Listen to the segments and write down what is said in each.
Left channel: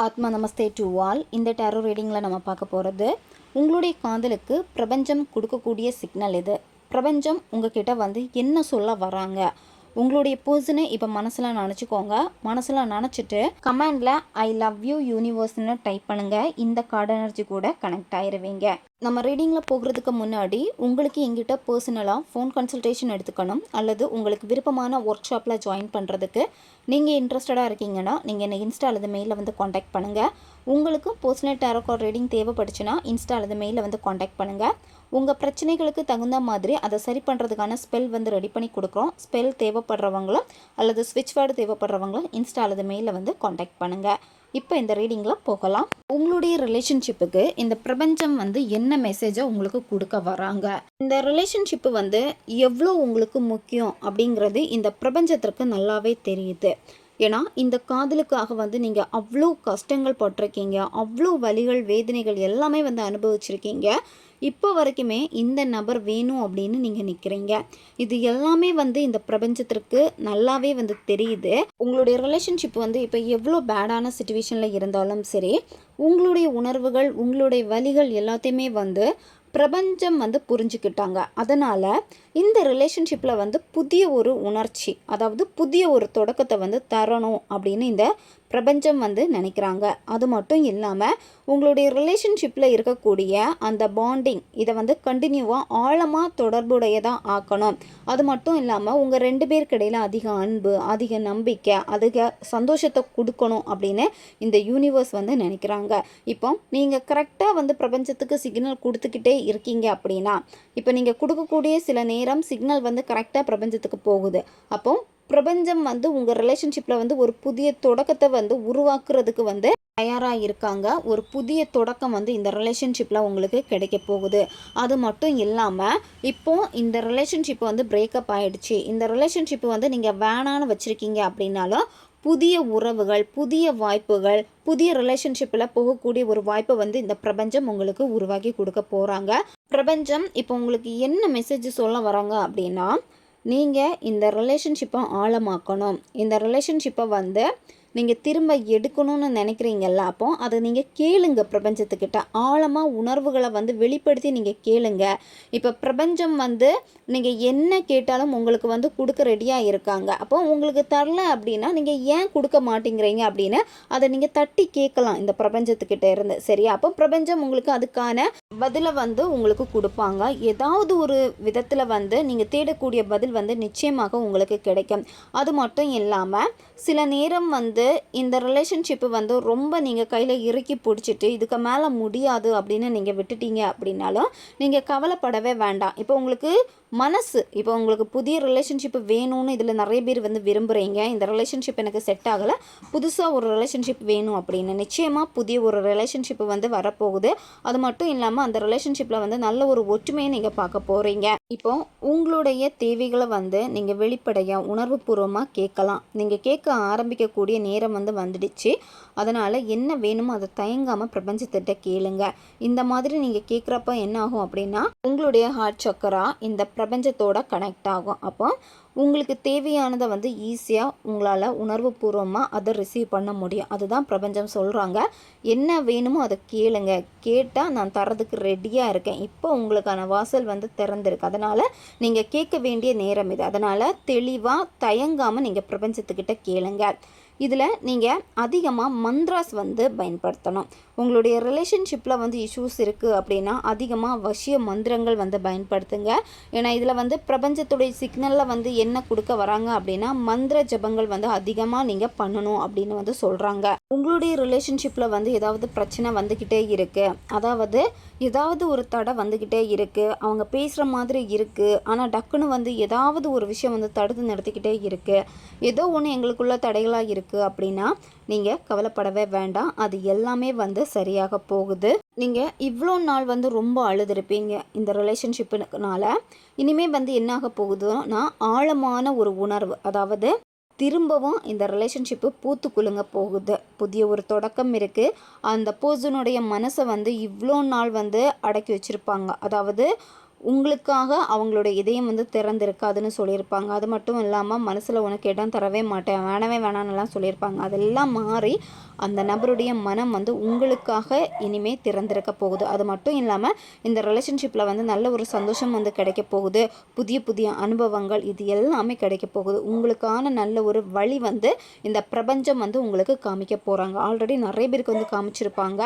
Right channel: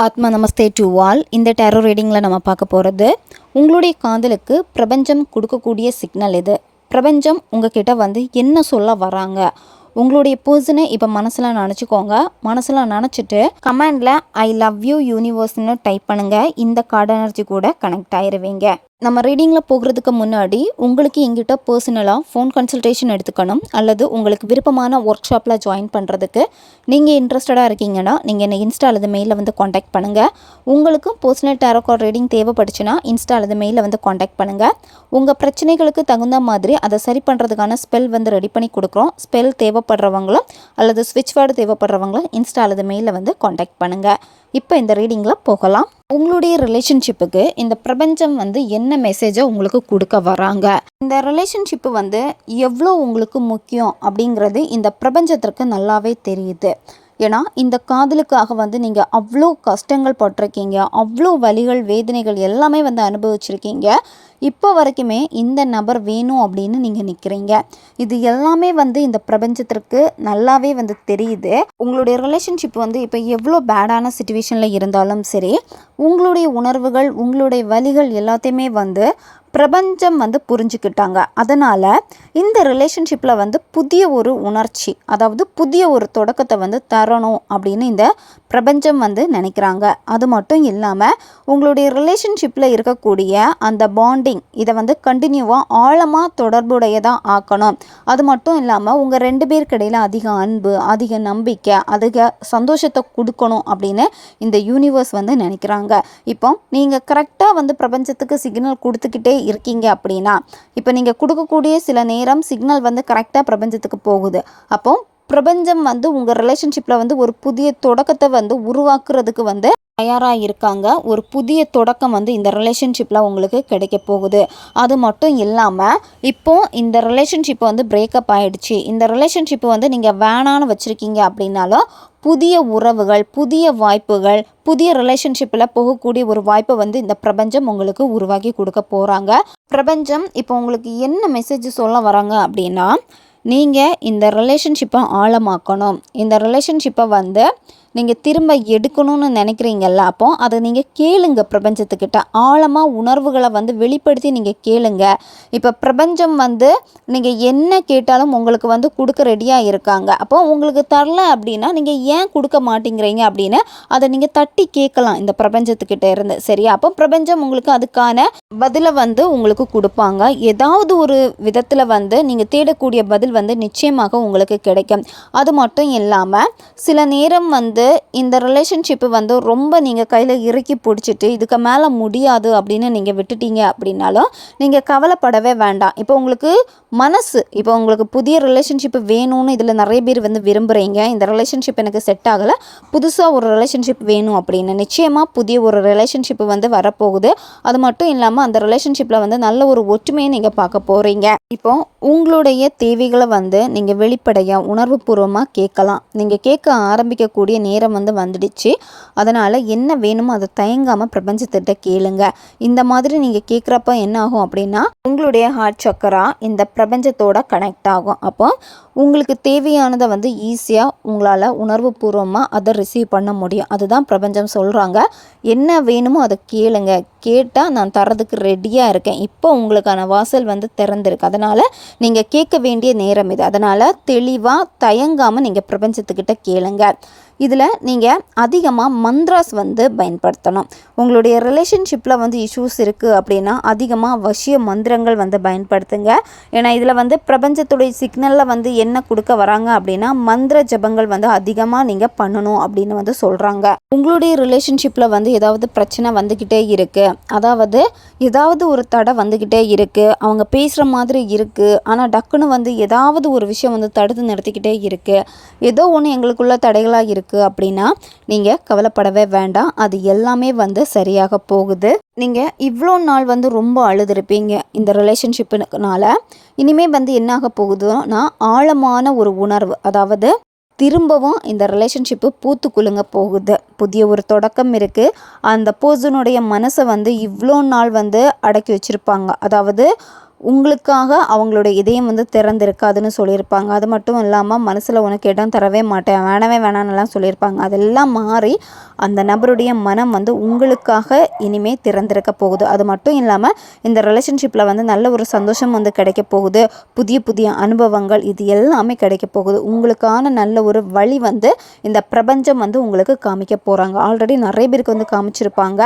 ஆத்மா நமஸ்தே டு வால் இந்த டேரோ ரீடிங்கில் நம்ம பார்க்க போகிறது உங்களுடைய காதலுக்கு பிரபஞ்சம் கொடுக்கக்கூடிய சிக்னல் இது பிரபஞ்சம் உங்ககிட்ட வந்து என்ன சொல்ல வராங்க? உங்களுடைய பர்சனை இப்போ மனசில் நினச்சிக்கோங்க. மனசில் நினச்சிட்டு கமெண்டில் ஐ லவ் யூ யூனிவர்ஸ்னு டைப் பண்ணுங்கள் இந்த கார்டு எனர்ஜி கூட கனெக்ட் ஆயிடுவீங்க நம்ம ரீடிங்கில் போகிறதுக்கு முன்னாடி உங்களுக்கு எங்கிட்ட பர்சனலாக ஃபோன் கன்சல்டேஷன் எடுத்துக்கணும் அல்லது உங்களுக்கு விருப்பமான ஒர்க் ஷாப்பில் ஜாயின் பண்ணுறதுக்கு நீங்கள் இன்ட்ரெஸ்டடாக இருக்கீங்கன்னா நீங்கள் என்னை இன்ஸ்டா அல்லது மெயிலில் வந்து காண்டாக்ட் பண்ணுங்கள் உங்களுக்கு பர்சனல் டேரோ ரீடிங் தேவைப்பட்டுச்சுன்னா இன்ஸ்டா அல்லது மெயிலில் வந்து காண்டாக்ட் பண்ணுங்கள் உங்கள் பிரச்சனைகளுக்கு தகுந்த மாதிரி அதை சரி பண்ணுறதுக்கான ஸ்பெல் வந்து ரெடி பண்ணி கொடுக்குறோம். ஸ்பெல் தேவைப்படுறவங்களும் அல்லது ஸ்விட்ச் வேர்டு தேவைப்படுறவங்களும் இன்ஸ்டா அல்லது மெயிலில் வந்து காண்டாக்ட் பண்ணுங்கள் இப்போ இந்த ரீடிங்கில் போகலாம். உங்களுடைய ரிலேஷன்ஷிப்புக்கு இந்த பிரபஞ்சம் வந்து என்ன மெசேஜை உங்களுக்கு கொடுக்க வராங்க? இந்த ரிலேஷன்ஷிப்பு வந்து எவ்வளோ உங்களுக்கு முக்கியம் அப்படிங்கிறது இந்த பிரபஞ்சத்திற்கு நல்லாவே தெரியுது. ஏன்னா இந்த காதலுக்காக வந்து நீங்கள் அவ்வளோ கஷ்டங்கள் பட்டிருக்கீங்க அவ்வளோ வலிகள் வேதனைகள் எல்லாமே வந்து அனுபவிச்சிருக்கீங்க. இப்போ வரைக்குமே இந்த நபர் வேணும் அப்படின்னு நீங்கள் நிற்கிறீங்க இது எல்லாமே வந்து இந்த பிரபஞ்சத்திற்கு நல்லாவே வந்து தெரியுது. உங்களுடைய ரிலேஷன்ஷிப் வந்து இப்போ எவ்வளோ பேடான சுச்சுவேஷனில் இருந்தாலும் சரி உங்களுடைய உணர்வுகள் உங்களுடைய வழிகள் எல்லாத்தையுமே வந்து பிரபஞ்சம் வந்து புரிஞ்சுக்கிட்டாங்க. அதனால் இந்த ரிலேஷன்ஷிப்பில் வந்து புதிய ஒரு உணர்ச்சி அதாவது புதிய ஒரு தொடக்கத்தை வந்து தரணும் அப்படின்னு இந்த பிரபஞ்சம் வந்து நினைக்கிறாங்க. அது மட்டும் இல்லாமல் உங்களுடைய ரிலேஷன்ஷிப்பில் இருக்கக்கூடிய அந்த பாண்டிங் இதை வந்து கண்டினியூவாக ஆழமாக தொடர்புடையதாக ஆக்கணும். அது மட்டும் இல்லாமல் உங்கள் ரெண்டு பேருக்கு இடையில் அதிக அன்பு அதிக நம்பிக்கை அதிக சந்தோஷத்தை கொடுக்கணும் அப்படின்னு இந்த யூனிவர்ஸ் வந்து நினைக்கிறாங்க. இப்போ நீங்கள் கரெக்டாக வந்து பிரபஞ்சத்துக்கு சிக்னல் கொடுத்துக்கிட்டே இருக்கீங்க அப்படின்னா இப்போ நீங்கள் கொடுக்கக்கூடிய சில நேரம் சிக்னல் வந்து கரெக்டாக பிரபஞ்சத்துக்கு போகுது. அப்போ பிரபஞ்சம் வந்து உங்கள் ரிலேஷன்ஷிப்பில் வந்து ஒரு புதிய தொடக்கத்தை வந்து உருவாக்குறதுக்கு வந்து தயாராக இருக்காங்க. ஒரு புதிய தொடக்கம் வந்து இந்த ரிலேஷன்ஷிப்பில் உங்களுக்கு கிடைக்க போகுது. அது மட்டும் இல்லாமல் இப்போ இந்த ரிலேஷன்ஷிப் வந்து பிரேக்கப் ஆகிடுச்சு இந்த ரிலேஷன்ஷிப்பை வந்து நீங்கள் வேணான்னு வச்சுருக்கீங்க அப்படின்னாலும் புதிய உறவுகள் புதிய வாய்ப்புகள் புதிய ரிலேஷன்ஷிப்பில் போகக்கூடிய ஒரு வாய்ப்பை வந்து இந்த பிரபஞ்சம் உங்களுக்கு உருவாக்கி கொடுக்க போகிறாங்க பிரபஞ்சம் இப்போ உங்களுக்கு என்ன மெசேஜ் சொல்ல வராங்க அப்படின்னா நீங்கள் இந்த ரிலேஷன்ஷிப்பை ஆழமாக்கணும். இந்த ரிலேஷன்ஷிப்பை வந்து நீங்கள் திரும்ப எடுக்கணும்னு நினைக்கிறீங்கல்ல அப்போ அதை நீங்கள் கேளுங்க பிரபஞ்சத்துக்கிட்ட. ஆழமாக உணர்வுகளை வந்து வெளிப்படுத்தி நீங்கள் கேளுங்க. இப்போ பிரபஞ்சம் வந்து நீங்கள் என்ன கேட்டாலும் உங்களுக்கு வந்து கொடுக்க ரெடியாக இருக்காங்க. அப்போ உங்களுக்கு தரல அப்படின்னா நீங்கள் ஏன் கொடுக்க மாட்டேங்கிறீங்க அப்படின்னு அதை நீங்கள் தட்டி கேட்கலாம் இந்த பிரபஞ்சத்துக்கிட்ட இருந்து சரியா? அப்போ பிரபஞ்சம் உங்களுக்கு அதுக்கான பதிலை வந்து உங்களுக்கு கொடுப்பாங்க. ஏதாவது ஒரு விதத்தில் வந்து நீங்கள் தேடக்கூடிய பதில் வந்து நிச்சயமாக உங்களுக்கு கிடைக்கும். அது மட்டும் இல்லாமல் சில நேரம் வந்து இந்த ரிலேஷன்ஷிப்பு வந்து ரொம்ப நீங்கள் கையில் இறுக்கி பிடிச்சிட்டு இதுக்கு மேலே முடியாது அப்படின்னு நீங்கள் விட்டுட்டீங்க அப்படின்னாலும் நீங்கள் கவலைப்படவே வேண்டாம். இப்போ உங்களுக்கு மனசு. இப்போ உங்களுக்கு புதிய ரிலேஷன்ஷிப் வேணும்னு இதில் நிறைய பேர் வந்து விரும்புகிறீங்க இந்த ரிலேஷன்ஷிப் எனக்கு செட் ஆகலை. புதுசாக ஒரு ரிலேஷன்ஷிப் வேணும் அப்படின்னு. நிச்சயமாக புதிய ஒரு ரிலேஷன்ஷிப் வந்து வரப்போகுது. அது மட்டும் இல்லாமல் அந்த ரிலேஷன்ஷிப்பில் வந்து நல்ல ஒரு ஒற்றுமையை நீங்கள் பார்க்க போகிறீங்க இப்போ உங்களுடைய தேவைகளை வந்து நீங்கள் வெளிப்படையாக உணர்வுபூர்வமாக கேட்கலாம். நீங்கள் கேட்க ஆரம்பிக்கக்கூடிய நேரம் வந்து வந்துடுச்சு. அதனால் என்ன வேணுமோ அதை தயங்காமல் பிரபஞ்சத்திட்ட கேளுங்க. இந்த மாதிரி நீங்கள் கேட்குறப்ப என்ன ஆகும் அப்படின்னா உங்களுடைய ஹார்ட் சக்கரா இந்த பிரபஞ்சத்தோட கனெக்ட் ஆகும். அப்போ உங்களுக்கு தேவையானதை வந்து ஈஸியாக உங்களால் உணர்வு பூர்வமாக அதை ரிசீவ் பண்ண முடியும். அதுதான் பிரபஞ்சம் சொல்கிறாங்க என்ன வேணுமோ அதை கேளுங்க. கேட்டால் நான் தரதுக்கு ரெடியாக இருக்கேன். இப்போ உங்களுக்கான வாசல் வந்து திறந்திருக்கு. அதனால் நீங்கள் கேட்க வேண்டிய நேரம் இது. அதனால் தெளிவாக தயங்காமல் நீங்கள் பிரபஞ்சத்துக்கிட்ட கேளுங்க. இதில் நீங்கள் அதிகமாக மந்த்ராஸ் வந்து பயன்படுத்தணும். உங்களுடைய ரிலேஷன்ஷிப்பில் வந்து இஷ்யூஸ் இருக்குது அப்படின்னா அதிகமாக வசிய மந்திரங்கள் வந்து பயன்படுத்துங்க. ஏன்னா இதில் வந்து பிரபஞ்சத்துடைய சிக்னலில் வந்து என்ன கொடுக்க வராங்க அப்படின்னா மந்திர ஜபங்கள் வந்து அதிகமாக நீங்கள் பண்ணணும் அப்படின்னு வந்து சொல்கிறாங்க. உங்களுடைய ரிலேஷன்ஷிப்பில் வந்து ஏதாவது பிரச்சனை வந்துக்கிட்டே இருக்குது அதாவது ஏதாவது ஒரு தடை வந்துக்கிட்டே இருக்குது அவங்க பேசுகிற மாதிரி இருக்குது ஆனால் டக்குன்னு வந்து ஏதாவது ஒரு விஷயம் வந்து தடுத்து நிறுத்திக்கிட்டே இருக்குது ஏதோ ஒன்று எங்களுக்குள்ள தடைகளாக இருக்குது அப்படின்னா நீங்கள் கவலைப்படவே வேண்டாம். அது எல்லாமே வந்து சரியாக போகுது. நீங்கள் இவ்வளோ நாள் வந்து ரொம்ப அழுதுருப்பீங்க இந்த ரிலேஷன்ஷிப்புனால இனிமேல் வந்து என்னாக போகுதுன்னா ஆழமான ஒரு உணர்வு. அதாவது திரும்பவும் இந்த ரிலேஷன்ஷிப்பு பூத்து குலுங்க போகுது. புதிய ஒரு தொடக்கம் இருக்குது அந்த பர்சனுடைய மனசை வந்து இவ்வளோ நாள் வந்து அடக்கி வச்சுருப்பாங்க. அதாவது உங்களுக்காக அவங்களோட இதயம் வந்து திறந்திருக்காதுன்னு சொல்லியிருப்பாங்க. அது மட்டும் இல்லாமல் மனசில் உனக்கு இடம் தரவே மாட்டேன் வேணவே வேணான்னுலாம் சொல்லியிருப்பாங்க. அதெல்லாம் மாறி அந்த நபருடைய மனம் வந்து உங்களுக்காக இனிமே திறந்திருக்க போகுது. அது மட்டும் இல்லாமல் இந்த ரிலேஷன்ஷிப்பில் வந்து நல்ல ஒரு சந்தோஷம் வந்து கிடைக்க போகுது. புதிய புதிய அனுபவங்கள் இது எல்லாமே கிடைக்க போகுது. உங்களுக்கான நல்ல ஒரு வழி வந்து இந்த பிரபஞ்சம் வந்து உங்களுக்கு காமிக்க போகிறாங்க ஆல்ரெடி நிறைய பேருக்கு வந்து காமிச்சிருப்பாங்க.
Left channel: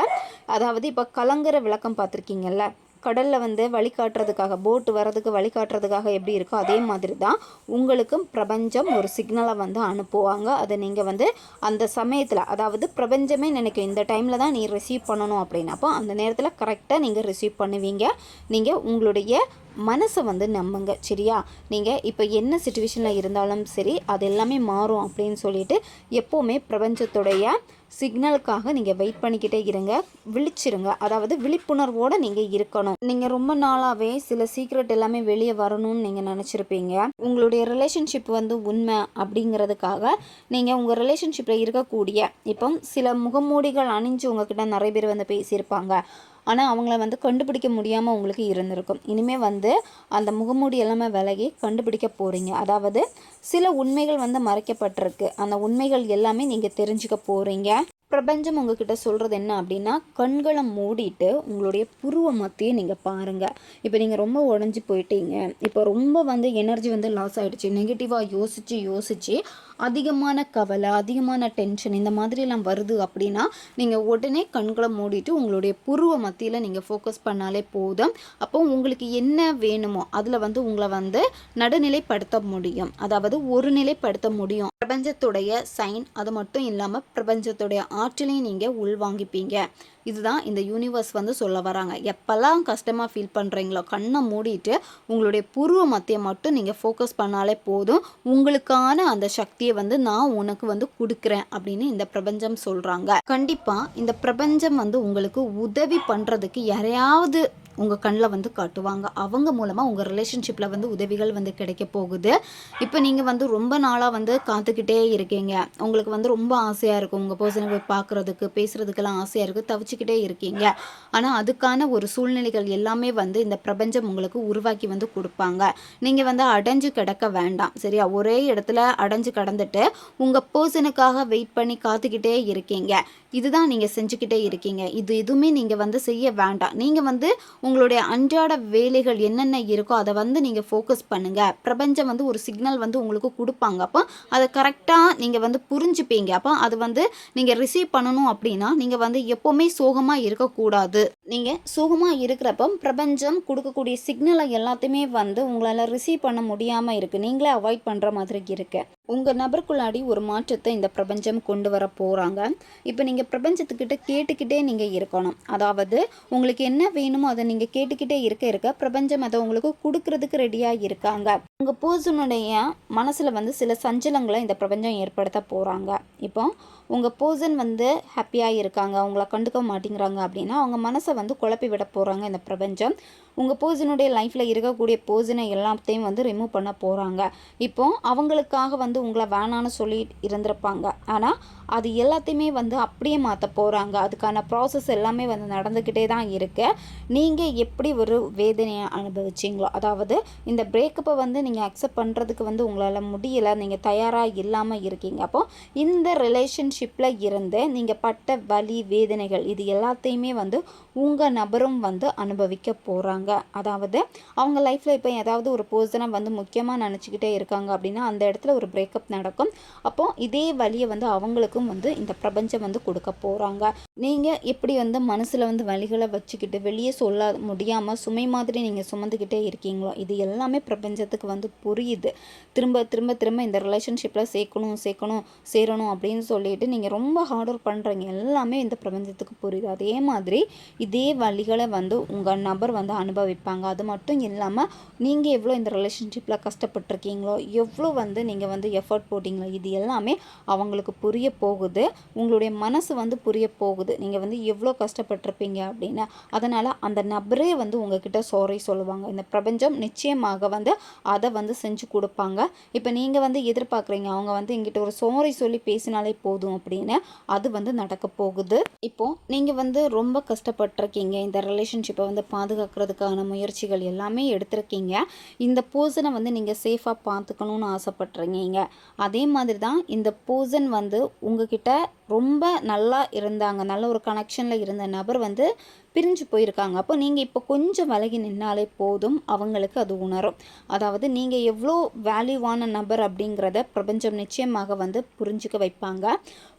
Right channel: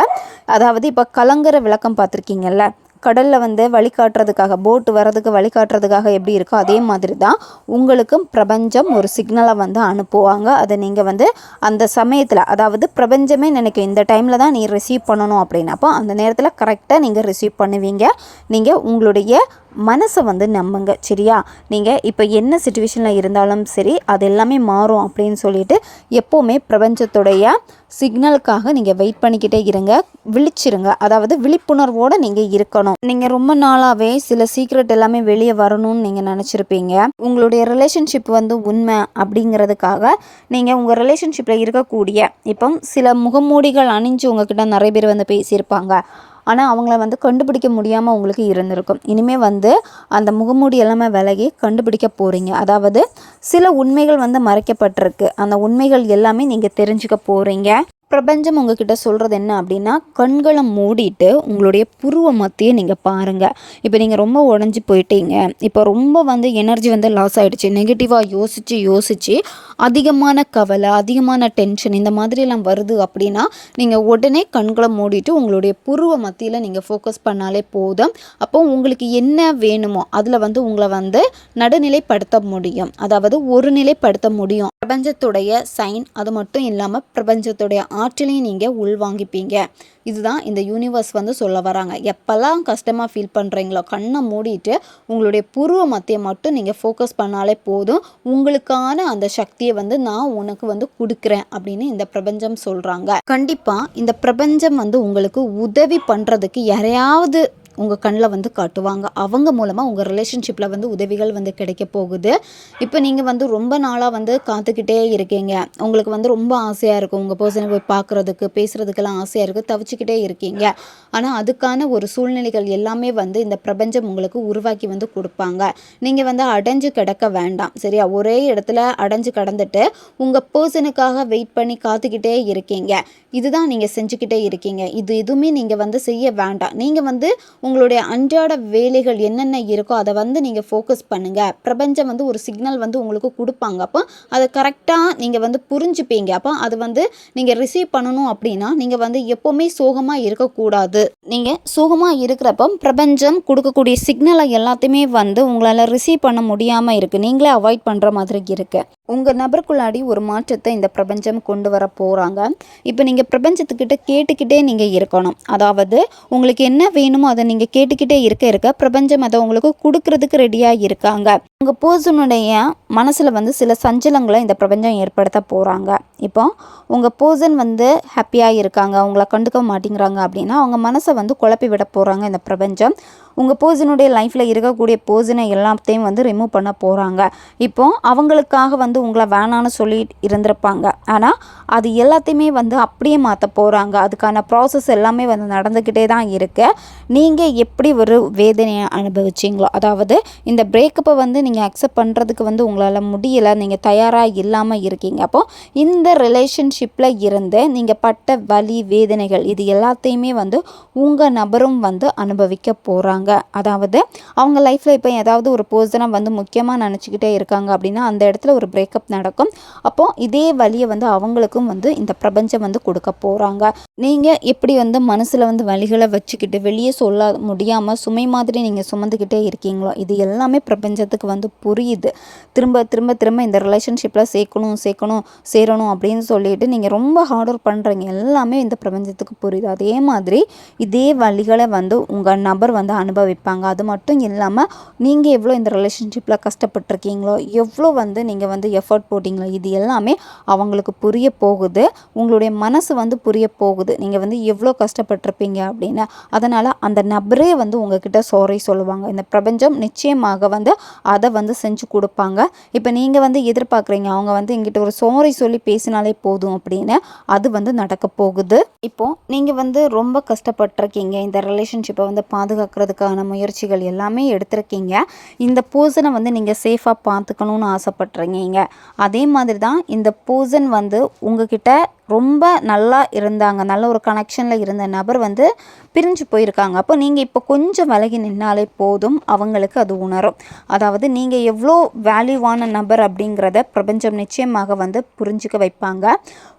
அதாவது இப்போ கலங்கர விளக்கம் பார்த்துருக்கீங்கல்ல? கடலில் வந்து வழிகாட்டுறதுக்காக போட்டு வர்றதுக்கு வழிகாட்டுறதுக்காக எப்படி இருக்கோ அதே மாதிரி தான் உங்களுக்கும் பிரபஞ்சம் ஒரு சிக்னலை வந்து அனுப்புவாங்க. அதை நீங்கள் வந்து அந்த சமயத்தில் அதாவது பிரபஞ்சமே நினைக்கும் இந்த டைமில் தான் நீ ரிசீவ் பண்ணணும் அப்படின்னப்போ அந்த நேரத்தில் கரெக்டாக நீங்கள் ரிசீவ் பண்ணுவீங்க. நீங்கள் உங்களுடைய மனசை வந்து நம்புங்க சரியா? நீங்கள் இப்போ என்ன சுச்சுவேஷனில் இருந்தாலும் சரி அது எல்லாமே மாறும் அப்படின்னு சொல்லிட்டு எப்போவுமே பிரபஞ்சத்துடைய சிக்னலுக்காக நீங்கள் வெயிட் பண்ணிக்கிட்டே இருங்க. விழிச்சிருங்க. அதாவது விழிப்புணர்வோடு நீங்கள் இருக்கணும். நீங்கள் ரொம்ப நாளாகவே சில சீக்ரெட் எல்லாமே வெளியே வரணும்னு நீங்கள் நினச்சிருப்பீங்க. உங்களுடைய ரிலேஷன்ஷிப் வந்து உண்மை அப்படிங்கிறதுக்காக நீங்கள் உங்கள் ரிலேஷன்ஷிப்பில் இருக்கக்கூடிய இப்போ சில முகமூடிகள் அணிஞ்சு உங்ககிட்ட நிறைய பேர் வந்து பேசியிருப்பாங்க. ஆனால் அவங்கள வந்து கண்டுபிடிக்க முடியாமல் உங்களுக்கு இருந்திருக்கும். இனிமேல் வந்து அந்த முகமூடி எல்லாமே விலகி கண்டுபிடிக்க போகிறீங்க அதாவது சில உண்மைகள் வந்து மறைக்கப்பட்டிருக்கு. அந்த உண்மைகள் எல்லாமே நீங்கள் தெரிஞ்சுக்க போகிறீங்க பிரபஞ்சம் உங்ககிட்ட சொல்கிறது என்ன அப்படின்னா கண்களை மூடிட்டு உங்களுடைய புருவ மத்தியை நீங்கள் பாருங்கள் இப்போ நீங்கள் ரொம்ப உடஞ்சி போயிட்டீங்க. இப்போ ரொம்ப வந்து எனர்ஜி வந்து லாஸ் ஆகிடுச்சு நெகட்டிவாக யோசித்து யோசித்து அதிகமான கவலை அதிகமான டென்ஷன் இந்த மாதிரிலாம் வருது அப்படின்னா நீங்கள் உடனே கண்களை மூடிட்டு உங்களுடைய புருவ மத்தியில் நீங்கள் ஃபோக்கஸ் பண்ணாலே போதும். அப்போ உங்களுக்கு என்ன வேணுமோ அதில் வந்து உங்களை வந்து நடுநிலைப்படுத்த முடியும். அதாவது ஒரு நிலைப்படுத்த முடியும். பிரபஞ்சத்துடைய சைன் அது மட்டும் இல்லாமல் பிரபஞ்சத்துடைய ஆற்றலையும் நீங்கள் உள்வாங்கிப்பீங்க. இதுதான் இந்த யூனிவர்ஸ் வந்து சொல்ல வராங்க. எப்போல்லாம் கஷ்டமாக ஃபீல் பண்ணுறீங்களோ கண்ணை மூடிட்டு உங்களுடைய புருவ மத்தியை மட்டும் நீங்கள் ஃபோக்கஸ் பண்ணாலே போதும். உங்களுக்கான அந்த சக்தியை வந்து நான் உனக்கு வந்து கொடுக்குறேன் அப்படின்னு இந்த பிரபஞ்சம் சொல்கிறாங்க கண்டிப்பாக இந்த பிரபஞ்சம் வந்து உங்களுக்கு உதவி பண்ணுறதுக்கு யாரையாவது உங்கள் கண்ணில் வந்து காட்டுவாங்க. அவங்க மூலமாக உங்கள் ரிலேஷன்ஷிப்பில் வந்து உதவிகள் வந்து கிடைக்க போகுது. இப்போ நீங்கள் வந்து ரொம்ப நாளாக வந்து காத்துக்கிட்டே இருக்கீங்க. உங்களுக்கு வந்து ரொம்ப ஆசையாக இருக்கும். உங்கள் பர்சனை போய் பார்க்குறதுக்கு பேசுகிறதுக்கெல்லாம் ஆசையாக இருக்குது தவிச்சிக்கிட்டே இருக்கீங்க. ஆனால் அதுக்கான ஒரு சூழ்நிலைகள் எல்லாமே வந்து இந்த பிரபஞ்சம் உங்களுக்கு உருவாக்கி வந்து கொடுப்பாங்க. நீங்கள் வந்து அடைஞ்சு கிடக்க வேண்டாம். சரியா? ஒரே இடத்துல அடைஞ்சு கடந்துட்டு உங்கள் பர்சனுக்காக வெயிட் பண்ணி காத்துக்கிட்டே இருக்கீங்க. இதுதான் நீங்கள் செஞ்சுக்கிட்டே இருக்கீங்க. இது எதுவுமே நீங்கள் வந்து செய்ய வேண்டாம். நீங்கள் வந்து உங்களுடைய அன்றாட வேலைகள் என்னென்ன இருக்கோ அதை வந்து நீங்கள் ஃபோக்கஸ் பண்ணுங்கள் பிரபஞ்சம் வந்து ஒரு சிக்னல் வந்து உங்களுக்கு கொடுப்பாங்க. அப்போ அதை கரெக்டாக நீங்கள் வந்து புரிஞ்சுப்பீங்க. அப்போ அது வந்து நீங்கள் ரிசீவ் பண்ணணும் அப்படின்னா நீங்கள் வந்து எப்போவுமே சோகமாக இருக்கக்கூடாது. நீங்கள் சோகமாக இருக்கிறப்ப பிரபஞ்சம் கொடுக்கக்கூடிய சிக்னலை எல்லாத்தையுமே வந்து உங்களால் ரிசீவ் பண்ண முடியாமல் இருக்குது நீங்களே அவாய்ட் பண்ணுற மாதிரி இருக்குது உங்கள் நபருக்குள்ளாடி ஒரு மாற்றத்தை இந்த பிரபஞ்சம் கொண்டு வர போகிறாங்க இப்போ நீங்கள் பிரபஞ்சத்துக்கிட்ட கேட்டுக்கிட்டே நீங்கள் இருக்கணும். அதாவது உங்களுக்கு என்ன வேணுமோ அதை நீங்கள் கேட்டுக்கிட்டே இருக்க இருக்க பிரபஞ்சம் அதை உங்களுக்கு கொடுக்கறதுக்கு ரெடியாக இருக்காங்க. உங்கள் பர்சனுடைய மனசில் வந்து சில சஞ்சலங்களை இந்த பிரபஞ்சம் ஏற்படுத்த போகிறாங்க இப்போ உங்கள் பர்சன் வந்து ஹாப்பியாக இருக்காங்க அவங்கள கண்டுக்க மாட்டேங்கிறாங்க அப்படின்னா அவங்க மனசை வந்து குழப்பி விட போகிறாங்க இந்த பிரபஞ்சம். உங்கள் பர்சனுடைய லைஃப்பில் இருக்கக்கூடிய பர்சனை எல்லாத்தையும் வந்து ரிமூவ் பண்ண போகிறாங்க இப்போ அவங்களுக்காக வந்து உங்களை வேணான்னு சொல்லி இருந்திருப்பாங்க. ஆனால் அது எல்லாத்தையுமே வந்து அப்படியே மாற்ற போகிறாங்க அதுக்கான ப்ராசஸ் எல்லாமே வந்து நடந்துக்கிட்டே தான் இருக்கு. நீங்கள் எப்படி ஒரு வேதனையை அனுபவிச்சிங்களோ அதாவது இந்த பிரேக்கப்பை வந்து நீங்கள் அக்செப்ட் பண்ணுறதுக்கு வந்து உங்களால் முடியலை நீங்கள் தயாராக இல்லாமல் இருக்கீங்க. அப்போது இந்த ரிலேஷன் ரிலேஷன்ஷிப்பில் இருந்து நீங்கள் பட்ட வலி வேதனைகள் இது எல்லாத்தையுமே வந்து உங்கள் நபரும் வந்து அனுபவிக்க போகிறாங்க அதாவது அவங்க லைஃப்பில் இப்போ ஏதாவது ஒரு பர்சனை வந்து முக்கியமாக நினச்சிக்கிட்டே இருக்காங்க அப்படின்னா அந்த இடத்துல ஒரு பிரேக்கப் நடக்கும். அப்போது இதே வழியை வந்து அவங்களுக்கும் வந்து இந்த பிரபஞ்சம் வந்து கொடுக்க போகிறாங்க நீங்கள் எப்படி வந்து மனசில் வந்து வழிகளை வச்சுக்கிட்டு வெளியே சொல்ல முடியாமல் சுமை மாதிரி நீங்கள் சுமந்துக்கிட்டே இருக்கீங்களோ இது எல்லாமே பிரபஞ்சத்துக்கு வந்து புரியுது. திரும்ப திரும்ப திரும்ப இந்த ரிலேஷன்ஷிப்பில் சேர்க்கணும் சேர்க்கணும் சேரணும் அப்படின்னு சொல்லிட்டு நீங்கள் ரொம்ப ஹார்ட் ஒர்க் பண்ணுறீங்க எல்லாமே இந்த பிரபஞ்சத்துக்கு புரியுது. அதே மாதிரி இதே வழிகளை வந்து உங்கள் நபர் வந்து அனுபவிப்பாங்க. அது மட்டும் இல்லாமல் நீங்கள் எவ்வளோ இந்த ரிலேஷன்ஷிப்பில் கஷ்டப்பட்டிருக்கீங்களோ எவ்வளோ வந்து நீங்கள் வந்து எஃபர்ட் போட்டிங்களோ இது எல்லாமே அவங்களுக்கு புரிய போகுது. உங்களுடைய மனசு வந்து புரிய போகுது. நீங்கள் வந்து எவ்வளோ கஷ்டப்பட்டிருப்பீங்க அப்படின்னு. அதனால் அந்த நபரே வந்து உங்ககிட்ட சாரி சொல்லுவாங்க. இந்த பிரபஞ்சம் நிச்சயமாக வந்து அதை வந்து செஞ்சு கொடுப்பாங்க. இப்போ நீங்கள் வந்து எதிர்பார்க்குறீங்க. அவங்க வந்து எங்கிட்ட ஒரு சாரி சொல்லி பேசினாலே போதும். அப்படின்னு அது வந்து நடக்க போகுது. இப்போது நீங்கள் வந்து ரொம்ப கஷ்டப்பட்டிருக்கீங்க. இந்த ரிலேஷன்ஷிப்பை வந்து பாதுகாக்கிறதுக்கான முயற்சிகள் எல்லாமே எடுத்திருக்கீங்க. இந்த பூசனை வந்து நீங்கள் சேஃபாக பார்த்துக்கணுன்னு ஆசைப்பட்றீங்க அதே மாதிரி தான் இந்த பூசன் வந்து உங்ககிட்ட ரொம்ப நல்லா இருந்தாங்க. நல்ல ஒரு கனெக்ஷனில் இருந்த நபர் வந்து பிரிஞ்சு போயிருக்காங்க. அப்போ நீங்கள் இப்போ கொஞ்சம் விலகி நின்னாலே போதும் அவங்களுக்கு அது உணரும். அதாவது நீங்கள் எவ்வளோ வேல்யூவான நபர் அப்படிங்கிறத பிரபஞ்சம் நிச்சயமாக வந்து புரிஞ்சுக்க வைப்பாங்க.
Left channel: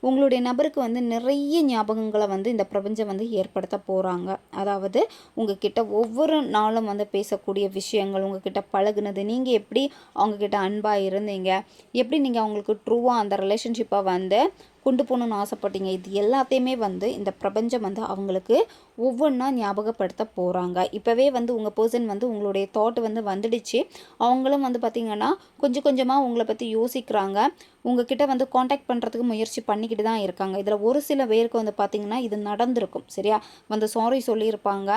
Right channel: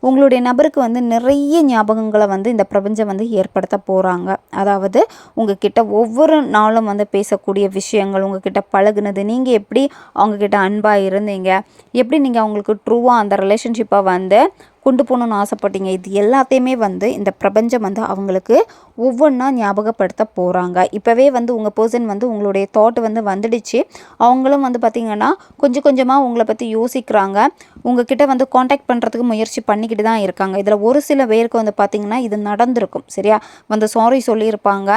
உங்களுடைய நபருக்கு வந்து நிறைய ஞாபகங்களை வந்து இந்த பிரபஞ்சம் வந்து ஏற்படுத்த போகிறாங்க அதாவது உங்ககிட்ட ஒவ்வொரு நாளும் வந்து பேசக்கூடிய விஷயங்கள் உங்ககிட்ட பழகுனது நீங்கள் எப்படி அவங்கக்கிட்ட அன்பாக இருந்தீங்க எப்படி நீங்கள் அவங்களுக்கு ட்ரூவாக அந்த ரிலேஷன்ஷிப்பை வந்து கொண்டு போகணுன்னு ஆசைப்பட்டீங்க. இது எல்லாத்தையுமே வந்து இந்த பிரபஞ்சம் வந்து அவங்களுக்கு ஒவ்வொன்றா ஞாபகப்படுத்த போகிறாங்க இப்போவே வந்து உங்கள் பர்சன் வந்து உங்களுடைய தாட் வந்து வந்துடுச்சு. அவங்களும் வந்து பார்த்திங்கன்னா கொஞ்சம் கொஞ்சமாக உங்களை பற்றி யோசிக்கிறாங்க. உங்ககிட்ட வந்து காண்டாக்ட் பண்ணுறதுக்கு முயற்சி பண்ணிக்கிட்டு தான் இருக்காங்க. இதில் ஒரு சில பேருக்கு வந்து பார்த்திங்கன்னா இது நடந்திருக்கும் சரியா? வந்து சாரி சொல்லியிருப்பாங்க.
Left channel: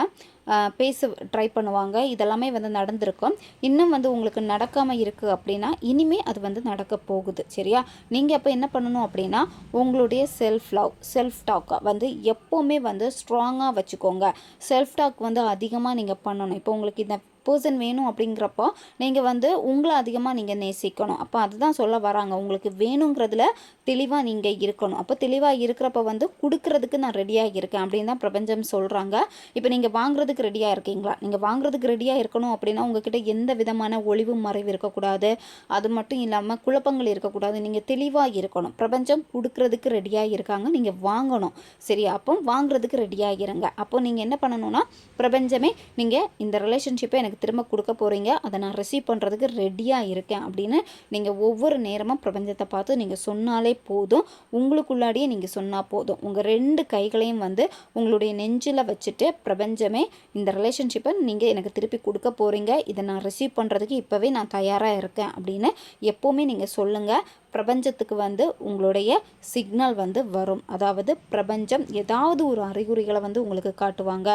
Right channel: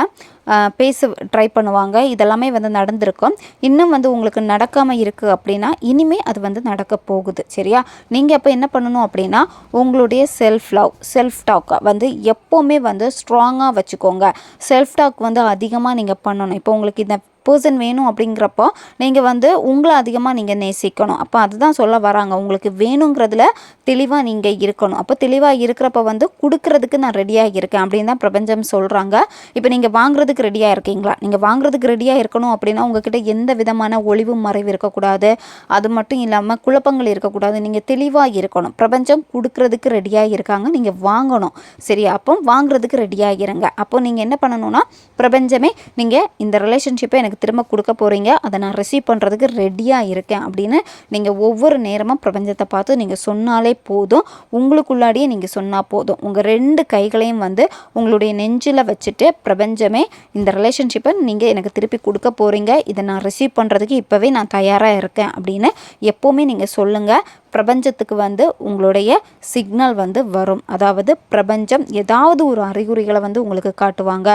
பேச ட்ரை பண்ணுவாங்க. இதெல்லாமே வந்து நடந்திருக்கும். இன்னும் வந்து உங்களுக்கு நடக்காமல் இருக்குது அப்படின்னா இனிமேல் அது வந்து நடக்க போகுது சரியா? நீங்கள் அப்போ என்ன பண்ணணும் அப்படின்னா உங்களுடைய செல்ஃப் லவ் செல்ஃப் டாக்கை வந்து எப்போவுமே வந்து ஸ்ட்ராங்காக வச்சுக்கோங்க. செல்ஃப் டாக் வந்து அதிகமாக நீங்கள் பண்ணணும். இப்போ உங்களுக்கு இந்த பர்சன் வேணும் அப்படிங்கிறப்போ நீங்கள் வந்து உங்களை அதிகமாக நீங்கள் நேசிக்கணும். அப்போ அதுதான் சொல்ல வராங்க. உங்களுக்கு வேணுங்கிறதுல தெளிவாக நீங்கள் இருக்கணும். அப்போ தெளிவாக இருக்கிறப்ப வந்து கொடுக்கறதுக்கு நான் ரெடியாக இருக்கேன் அப்படின்னு தான் பிரபஞ்சம் சொல்கிறாங்க இப்போ நீங்கள் வாங்குறதுக்கு ரெடியாக இருக்கீங்களா? நீங்கள் வாங்குறதுக்கு ரெடியாக இருக்கணும் அப்படின்னா உங்ககிட்ட எந்த விதமான ஒளிவு மறைவு இருக்கக்கூடாது. அது மட்டும் இல்லாமல் குழப்பங்கள் இருக்கக்கூடாது. நீங்கள் தெளிவாக இருக்கணும். பிரபஞ்சம் கொடுக்கறதுக்கு ரெடியாக இருக்காங்க. நீங்கள் வாங்கணும். சரி அப்போ வாங்குறதுக்கு ரெடியாக இருங்க. அப்போ நீங்கள் என்ன பண்ணணும்னா பிரபஞ்சமே நீங்கள் இந்த ரிலேஷன்ஷிப்பை எனக்கு திரும்ப கொடுக்க போகிறீங்க அதை நான் ரிசீவ் பண்ணுறதுக்கு ரெடியாக இருக்கேன் அப்படின்னு நீங்கள் ஒவ்வொரு நேரமும் பிரபஞ்சத்தை பார்த்து நீங்கள் சொன்னாலே போதும். உங்களுக்குள்ளாடியே நீங்கள் சொன்னால் போதும். உங்கள் ரெண்டு கைகளையும் வந்து உங்களுடைய நெஞ்சில் வச்சுட்டு பிரபஞ்சமே இந்த ரிலேஷன்ஷிப்பை நீங்கள் எனக்கு திருப்பி கொடுக்க போகிறீங்க இதை நான் ரிசீவ் பண்ணுறதுக்கு இப்போவே நான் தயாராக இருக்கேன் அப்படின்னு எப்போவுமே நீங்கள் சொல்லுங்கள் பிரபஞ்சத்துக்கு வந்து உங்களுடைய சிக்னல் வந்து வரும். அதாவது பிரபஞ்சம் ஏதாவது ஒரு அறிகுறிகளை வந்து உங்களுக்கு காட்டுவாங்க.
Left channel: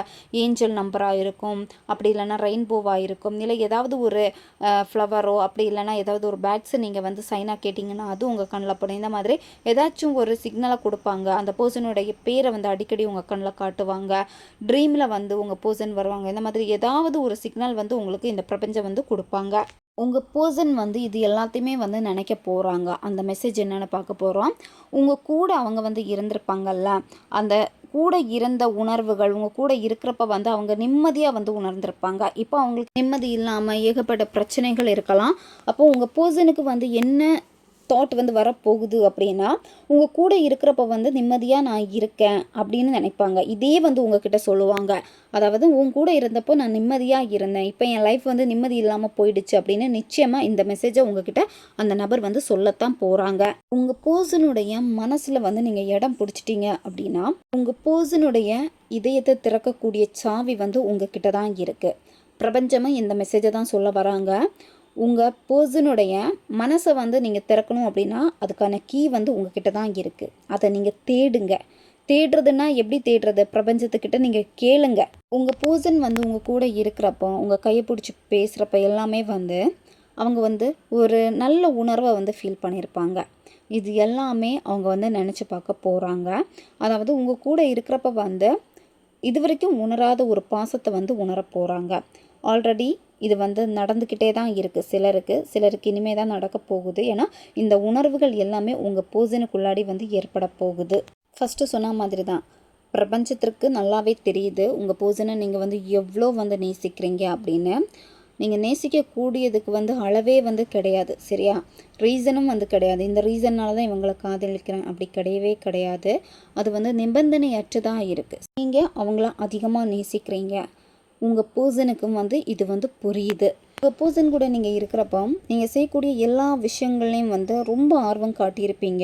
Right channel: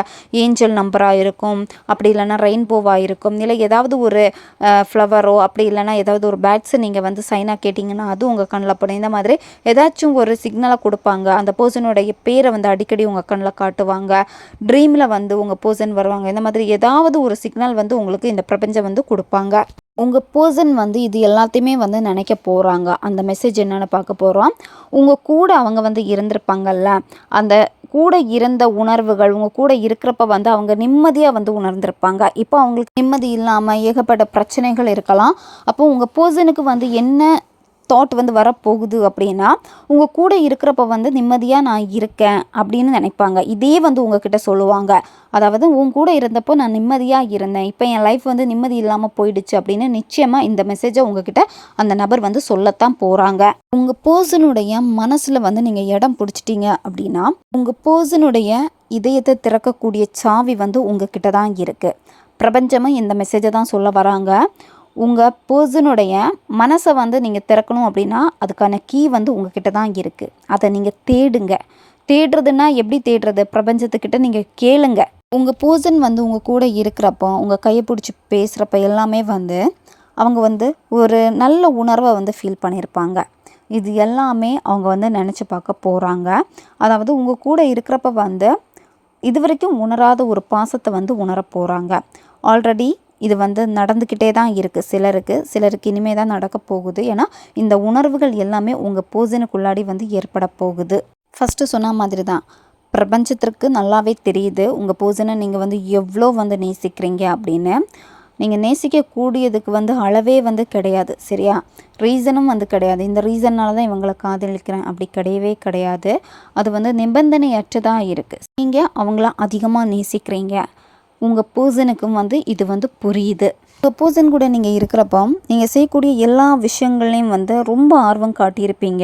ஏஞ்சல் நம்பராக இருக்கும் அப்படி இல்லைன்னா ரெயின்போவாக இருக்கும் இல்லை ஏதாவது ஒரு ஃப்ளவரோ அப்படி இல்லைன்னா ஏதாவது ஒரு பேட்ஸை நீங்கள் வந்து சைனாக கேட்டிங்கன்னா அது உங்கள் கண்ணில் படும். இந்த மாதிரி ஏதாச்சும் ஒரு சிக்னலை கொடுப்பாங்க. அந்த பர்சனுடைய பேரை வந்து அடிக்கடி உங்கள் கண்ணில் காட்டுவாங்க. ட்ரீமில் வந்து உங்கள் பர்சன் வருவாங்க. இந்த மாதிரி ஏதாவது ஒரு சிக்னல் வந்து உங்களுக்கு இந்த பிரபஞ்சம் வந்து கொடுப்பாங்க. உங்கள் பர்சன் வந்து இது எல்லாத்தையுமே வந்து நினைக்க போகிறாங்க அந்த மெசேஜ் என்னென்னு பார்க்க போகிறோம் உங்கள் கூட அவங்க வந்து இருந்திருப்பாங்கல்ல அந்த கூட இருந்த உணர்வுகள் உங்கள் கூட இருக்கிறப்ப வந்து அவங்க நிம்மதியாக வந்து உணர்ந்திருப்பாங்க. இப்போ அவங்களுக்கு நிம்மதி இல்லாமல் ஏகப்பட்ட பிரச்சனைகள் இருக்கலாம். அப்போ உங்கள் பர்சனுக்கு வந்து என்ன தாட் வந்து வரப்போகுது அப்படின்னா உங்கள் கூட இருக்கிறப்ப வந்து நிம்மதியாக நான் இருக்கேன் அப்படின்னு நினைப்பாங்க. இதே வந்து உங்ககிட்ட சொல்லுவாங்க. அதாவது உன் கூட இருந்தப்போ நான் நிம்மதியாக இருந்தேன். இப்போ என் லைஃப் வந்து நிம்மதி இல்லாமல் போயிடுச்சு அப்படின்னு நிச்சயமாக இந்த மெசேஜை உங்ககிட்ட அந்த நபர் வந்து சொல்லத்தான் போகிறாங்க உங்கள் பர்சனுடைய மனசில் வந்து நீங்கள் இடம் பிடிச்சிட்டீங்க அப்படின்னா உங்கள் பர்சனுடைய இதயத்தை திறக்கக்கூடிய சாவி வந்து உங்ககிட்ட தான் இருக்குது பிரபஞ்சமும் இந்த மெசேஜை தான் சொல்ல வராங்க. உங்கள் பர்சனுடைய மனசை வந்து நீங்கள் திறக்கணும் அப்படின்னா அதுக்கான கீ வந்து உங்ககிட்ட தான் இருக்குது அதை நீங்கள் தேடுங்க. தேடுறதுன்னா எப்படி தேடுறது? பிரபஞ்சத்துக்கிட்ட நீங்கள் கேளுங்க. உங்கள் பர்சன் வந்து உங்கள் கூட இருக்கிறப்போ உங்கள் கையை பிடிச்சி பேசுகிறப்ப எல்லாமே வந்து அவங்க வந்து ஒரு நல்ல உணர்வை வந்து ஃபீல் பண்ணியிருப்பாங்க. இது எல்லாமே அவங்க வந்து நினச்சி பார்க்க போகிறாங்க அதாவது உங்கள் கூட இருக்கிறப்ப வந்து இது வரைக்கும் உணராத ஒரு பாசத்தை வந்து உணர போகிறாங்க ஆல்ரெடி இது வந்து நடந்துக்கிட்டே தான் இருக்குது சிலருக்கு சிலருக்கு இனிமே தான் நடக்க போகுது. ஏன்னா இந்த உணர்வுகள் எல்லாமே உங்கள் பூசனுக்குள்ளாடி வந்து ஏற்பட போகுது. ஃபஸ்ட்டு சொன்ன மாதிரி தான் பிரபஞ்சத்திற்கு நல்லாவே தெரியுது. உங்கள் பூசனை நீங்கள் வந்து எவ்வளோ வந்து நேசிக்கிறீங்க அப்படின்னு. நீங்கள் நேசிக்கக்கூடியதுக்கு வந்து அளவே வந்து கிடையாது சரியா? ரீசனும் வந்து கிடையாது. இந்த ரீசன்னால தான் இவங்களை காதலிக்கிறேன். அப்படி கிடையவே கிடையாது. அது வந்து நிபந்தனையற்றதாக இருக்குது நீங்கள் அவங்கள அதிகமாக நேசிக்கிறீங்க. உங்கள் பர்சனுக்கும் வந்து இது வந்து புரியுது. உங்கள் பர்சன் கூட நீங்கள் இருக்கிறப்போ நீங்கள் செய்யக்கூடிய எல்லா விஷயங்கள்லையும் வந்து ரொம்ப ஆர்வம் காட்டியிருப்பீங்க.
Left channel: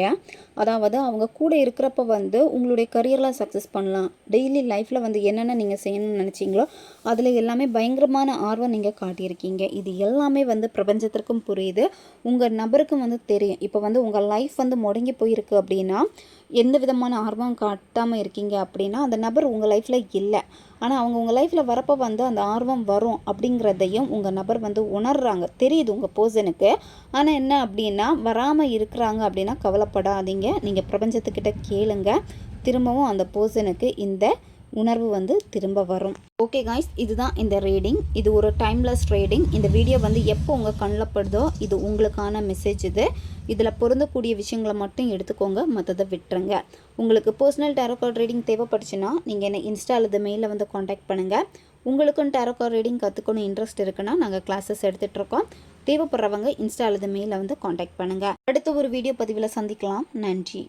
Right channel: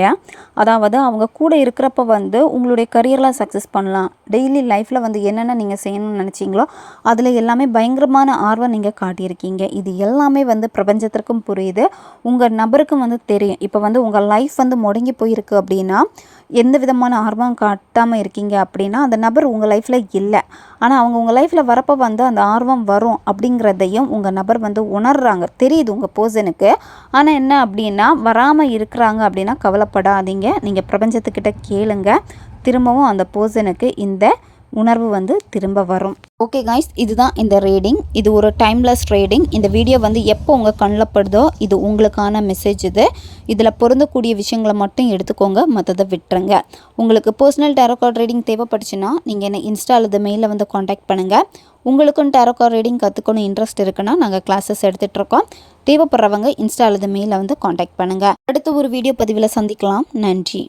அதாவது அவங்க கூட இருக்கிறப்ப வந்து உங்களுடைய கரியரில் சக்ஸஸ் பண்ணலாம். டெய்லி லைஃப்பில் வந்து என்னென்ன நீங்கள் செய்யணும்னு நினச்சிங்களோ அதில் எல்லாமே பயங்கரமான ஆர்வம் நீங்கள் காட்டியிருக்கீங்க. இது எல்லாமே வந்து பிரபஞ்சத்திற்கும் புரியுது. உங்கள் நபருக்கும் வந்து தெரியும். இப்போ வந்து உங்கள் லைஃப் வந்து முடங்கி போயிருக்கு அப்படின்னா எந்த விதமான ஆர்வம் காட்டாமல் இருக்கீங்க அப்படின்னா அந்த நபர் உங்கள் லைஃப்பில் இல்லை. ஆனால் அவங்க உங்கள் லைஃப்பில் வரப்போ வந்து அந்த ஆர்வம் வரும் அப்படிங்கிறதையும் உங்கள் நபர் வந்து உணர்கிறாங்க தெரியுது உங்கள் பர்சனுக்கு ஆனால் என்ன அப்படின்னா வராமல் இருக்கிறாங்க அப்படின்னா கவலைப்படாதீங்க. நீங்கள் பிரபஞ்சத்துக்கிட்ட கேளுங்க. திரும்பவும் அந்த பர்சனுக்கு இந்த உணர்வு வந்து திரும்ப வரும். ஓகே காய்ஸ் இதுதான் இந்த ரீடிங் இது ஒரு டைம்லெஸ் ரீடிங் இந்த வீடியோ வந்து எப்போ உங்கள் கண்ணில் படுதோ இது உங்களுக்கான மெசேஜ் இது. இதில் பொருந்தக்கூடிய விஷயங்களை மட்டும் எடுத்துக்கோங்க மற்றதை விட்டுருங்க. உங்களுக்கு பர்சனல் டேரோகார்ட் ரீடிங் தேவைப்பட்டுச்சுன்னா நீங்கள் என்ன இன்ஸ்டா அல்லது மெயிலில் வந்து காண்டாக்ட் பண்ணுங்கள் உங்களுக்கும் டேரோகார்ட் ரீடிங் கற்றுக்கணும் இன்ட்ரெஸ்ட் இருக்குன்னா நாங்கள் கிளாஸஸ் எடுத்துகிட்ருக்கோம் தேவைப்படுறவங்க இன்ஸ்டா அல்லது மெயிலில் வந்து காண்டாக்ட் பண்ணுங்கள் அடுத்து ஒரு வீடியோ பதிவில் சந்திக்கலாம். நன்றி.